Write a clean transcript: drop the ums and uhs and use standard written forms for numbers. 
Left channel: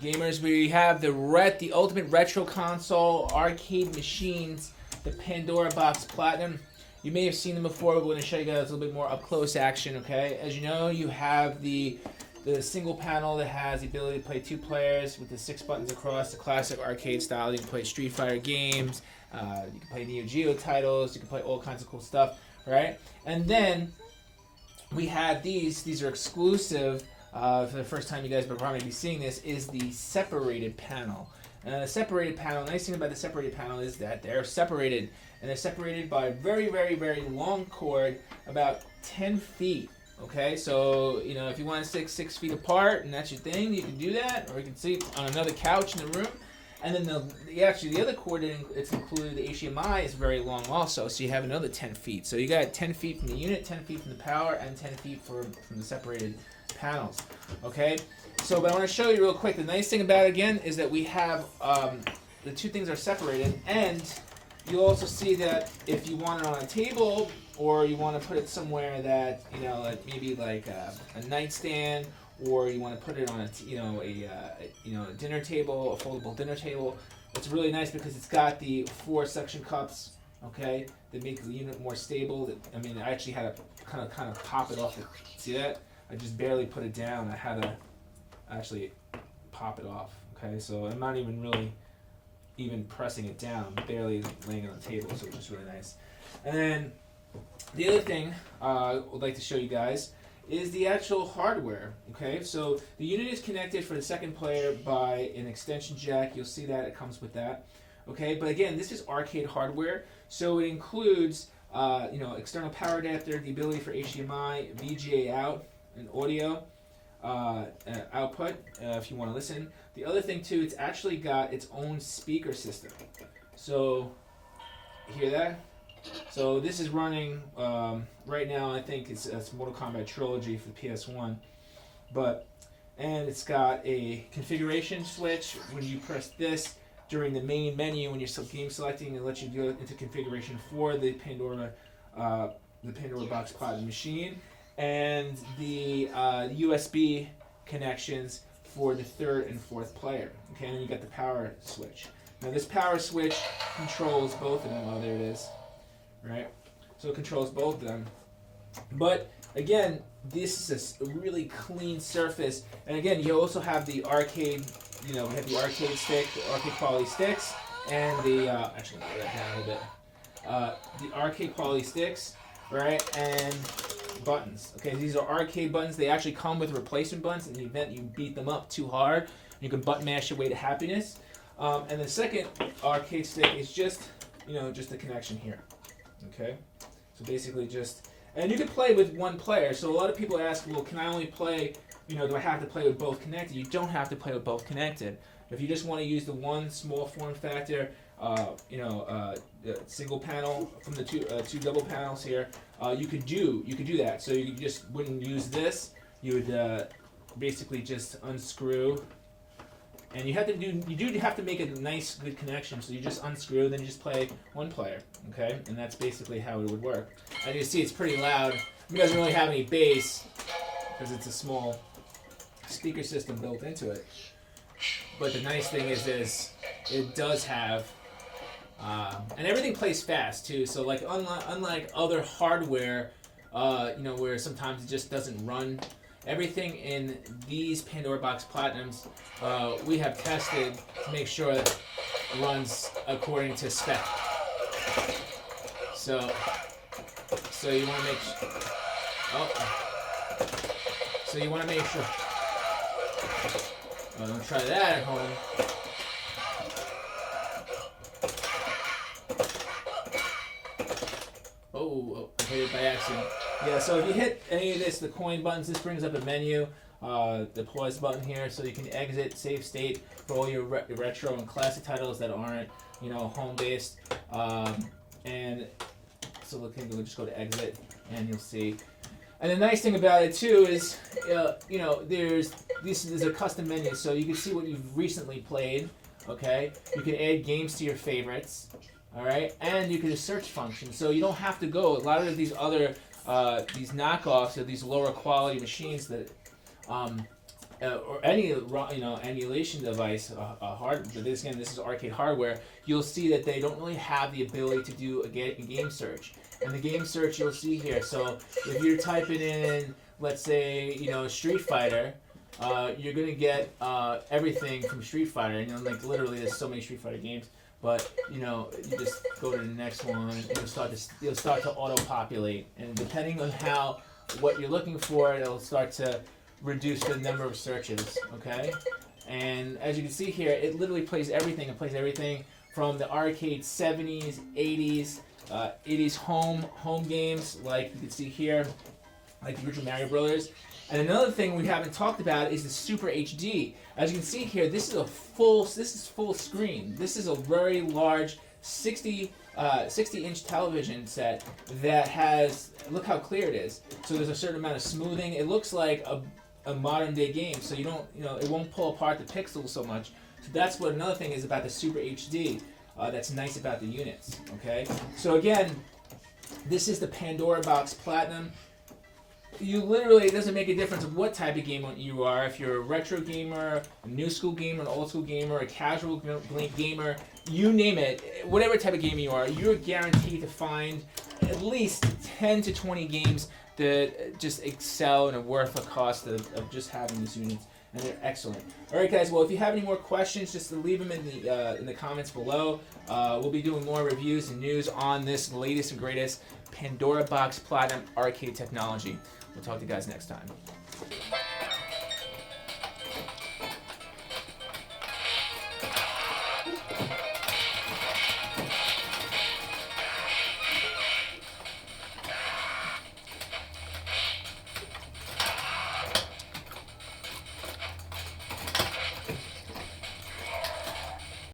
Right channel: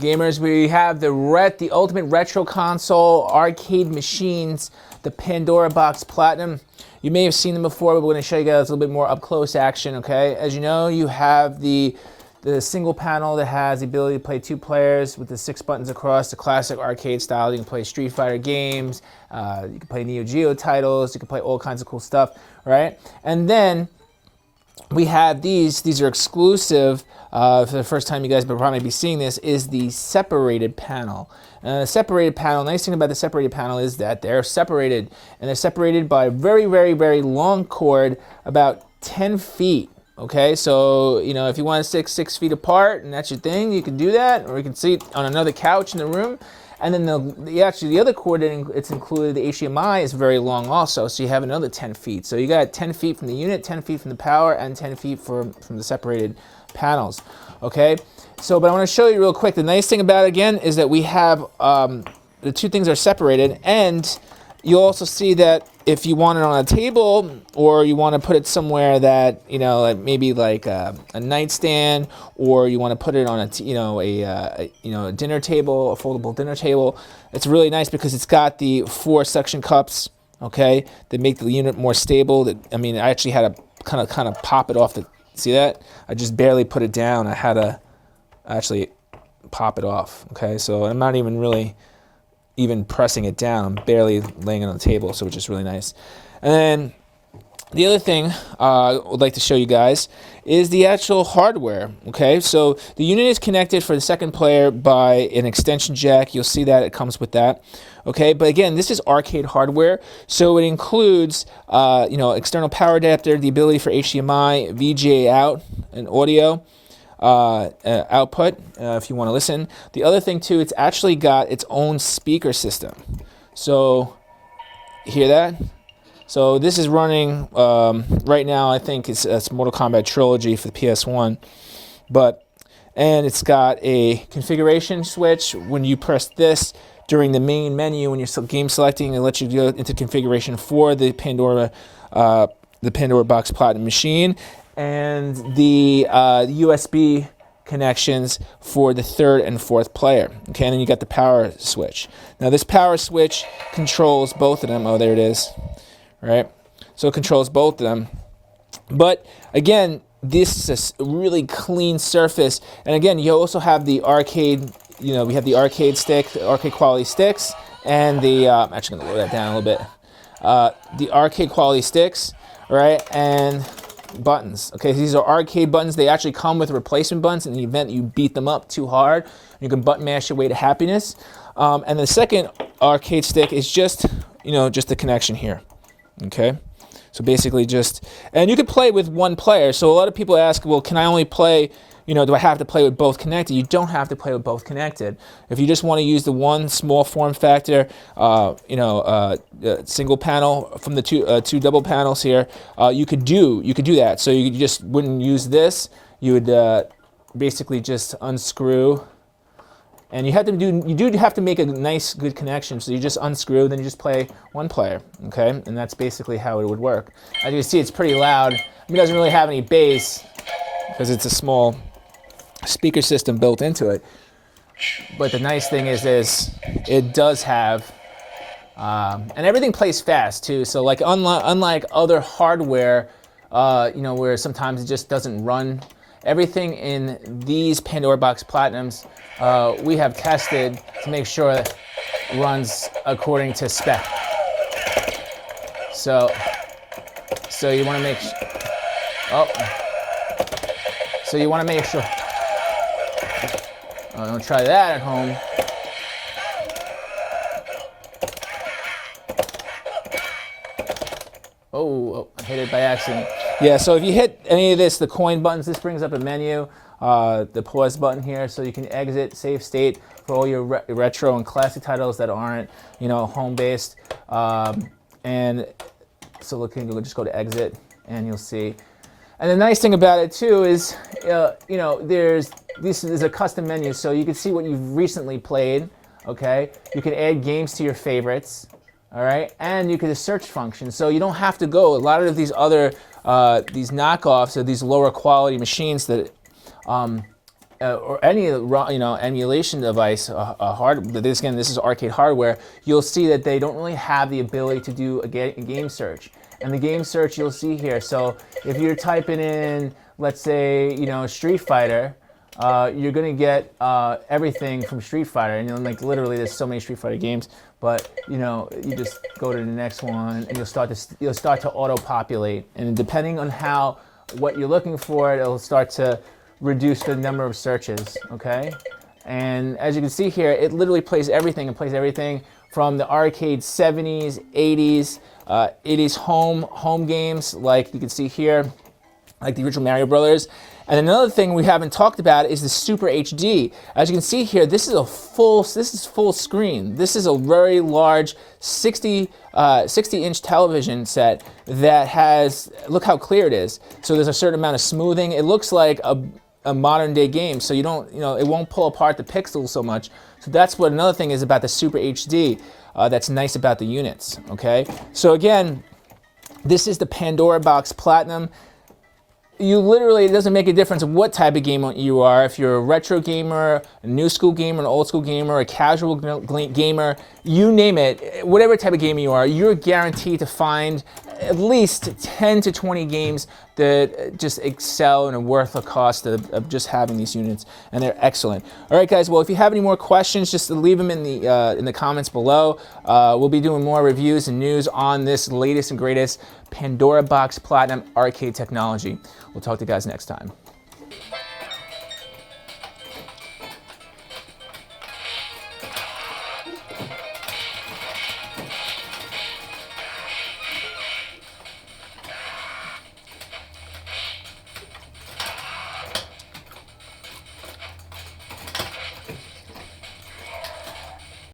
Gamers, we have the ultimate retro console arcade machines, the Pandora Box Platinum. You may have seen them before, but we're going to show you guys a little bit more up close action. Okay, as you know, you have the single panel that has the ability to play 2 players with the 6 buttons across, the classic arcade style. You can play Street Fighter games, you can play Neo Geo titles, you can play all kinds of cool stuff, right? And then we have these are exclusive. For the first time you guys will probably be seeing this, is the separated panel. The separated panel, nice thing about the separated panel is that they're separated, and they're separated by a very, very, very long cord, about 10 feet. Okay, so you know, if you want to stick 6 feet apart and that's your thing, you can do that, or you can sit on another couch in the room. And then the other cord it's included, the HDMI, is very long also, so you have another 10 feet. So you got 10 feet from the unit, 10 feet from the power, and 10 feet from the separated panels. Okay, so but I want to show you real quick. The nice thing about it again is that we have the 2 things are separated, and you'll also see that if you want it on a table or you want to put it somewhere that, you know, like maybe like a nightstand, or you want to put it on a dinner table, a foldable dinner table, it's really nice because it's got the 4 suction cups, okay, that make the unit more stable. I mean, I actually had to kind of pop it off the, see that? I just barely put it down. I had to actually pop it off, okay? So I'm not even pressing it down. I'm barely laying it on the table, so which is really nice. And then the other thing I would like to show you guys is the actual hardware, okay? So the unit is connected for the second player by an extension jack. You'll see that it comes with that, okay? But again, this is arcade hardware, so it includes external power adapter, the ability for HDMI, VGA out, and audio output if you want to listen. The other thing too, it's actually got its own speaker system. So hear that? So this is running right now. I think it's Mortal Kombat Trilogy for the PS1, and it's got a configuration switch. When you press this during the main menu, when you're game selecting, it lets you go into configuration for the Pandora Box Platinum machine, and the USB connections for the 3rd and 4th player. Okay, and then you got the power switch. Now this power switch controls both of them. Oh, there it is. Right? So it controls both of them. But again, this is a really clean surface. And again, you also have the arcade, we have the arcade stick, the arcade quality sticks, and the, I'm actually going to lower that down a little bit. The arcade quality sticks, right? And buttons. Okay, these are arcade buttons. They actually come with replacement buttons in the event you beat them up too hard. You can button mash your way to happiness. And the second arcade stick is just the connection here. Okay, so basically and you can play with 1 player. So a lot of people ask, well, can I only play, do I have to play with both connected? You don't have to play with both connected. If you just want to use the one small form factor, single panel from the two double panels here, you could do that. So you just wouldn't use this. You would basically just unscrew. And you do have to make a nice, good connection. So you just unscrew, then you just play 1 player, okay? And that's basically how it would work. As you can see, it's pretty loud. It doesn't really have any bass because it's a small speaker system built into it. But the nice thing is it does have, and everything plays fast too. So like unlike other hardware, where sometimes it just doesn't run. Everything in these Pandora Box Platinums, we have tested to make sure it runs according to spec. So you want to make sure. Don't try that at home. Oh, I hit it by accident. Yeah, so if you hit any of the coin buttons, this brings up a menu, the pause button here, so you can exit, save state for all your retro and classic titles that aren't, home-based. And so we'll just go to exit, and you'll see. And the nice thing about it too is, this is a custom menu, so you can see what you've recently played. Okay, you can add games to your favorites. All right, and you can do a search function, so you don't have to go. A lot of these other these knockoffs or these lower quality machines that or any emulation device, this is arcade hardware, you'll see that they don't really have the ability to do a game search. And the game search you'll see here. So if you're typing in, let's say, Street Fighter, you're gonna get everything from Street Fighter, and like literally there's so many Street Fighter games. But you just go to the next one, and you'll start to auto-populate, and depending on what you're looking for, it'll start to reduce the number of searches. Okay, and as you can see here, it literally plays everything. It plays everything from the arcade 70s, 80s, 80s home games, like you can see here, like the original Mario Brothers. And another thing we haven't talked about is the Super HD. As you can see here, this is full screen. This is a very large 60-inch television set that has, look how clear it is. So there's a certain amount of smoothing. It looks like a modern day game, so you don't, it won't pull apart the pixels so much. So that's what another thing is about the Super HD. That's nice about the units. Okay. So again, this is the Pandora Box Platinum. It doesn't make a difference what type of gamer you are. If you're a retro gamer, a new school gamer, an old school gamer, a casual gamer, you name it, whatever type of gamer you are, you're guaranteed to find at least 10 to 20 games that just excel and are worth the cost of just having these units, and they're excellent. All right, guys. Well, if you have any more questions, just leave them in the comments below. We'll be doing more reviews and news on this latest and greatest Pandora Box Platinum arcade technology. We'll talk to you guys next time.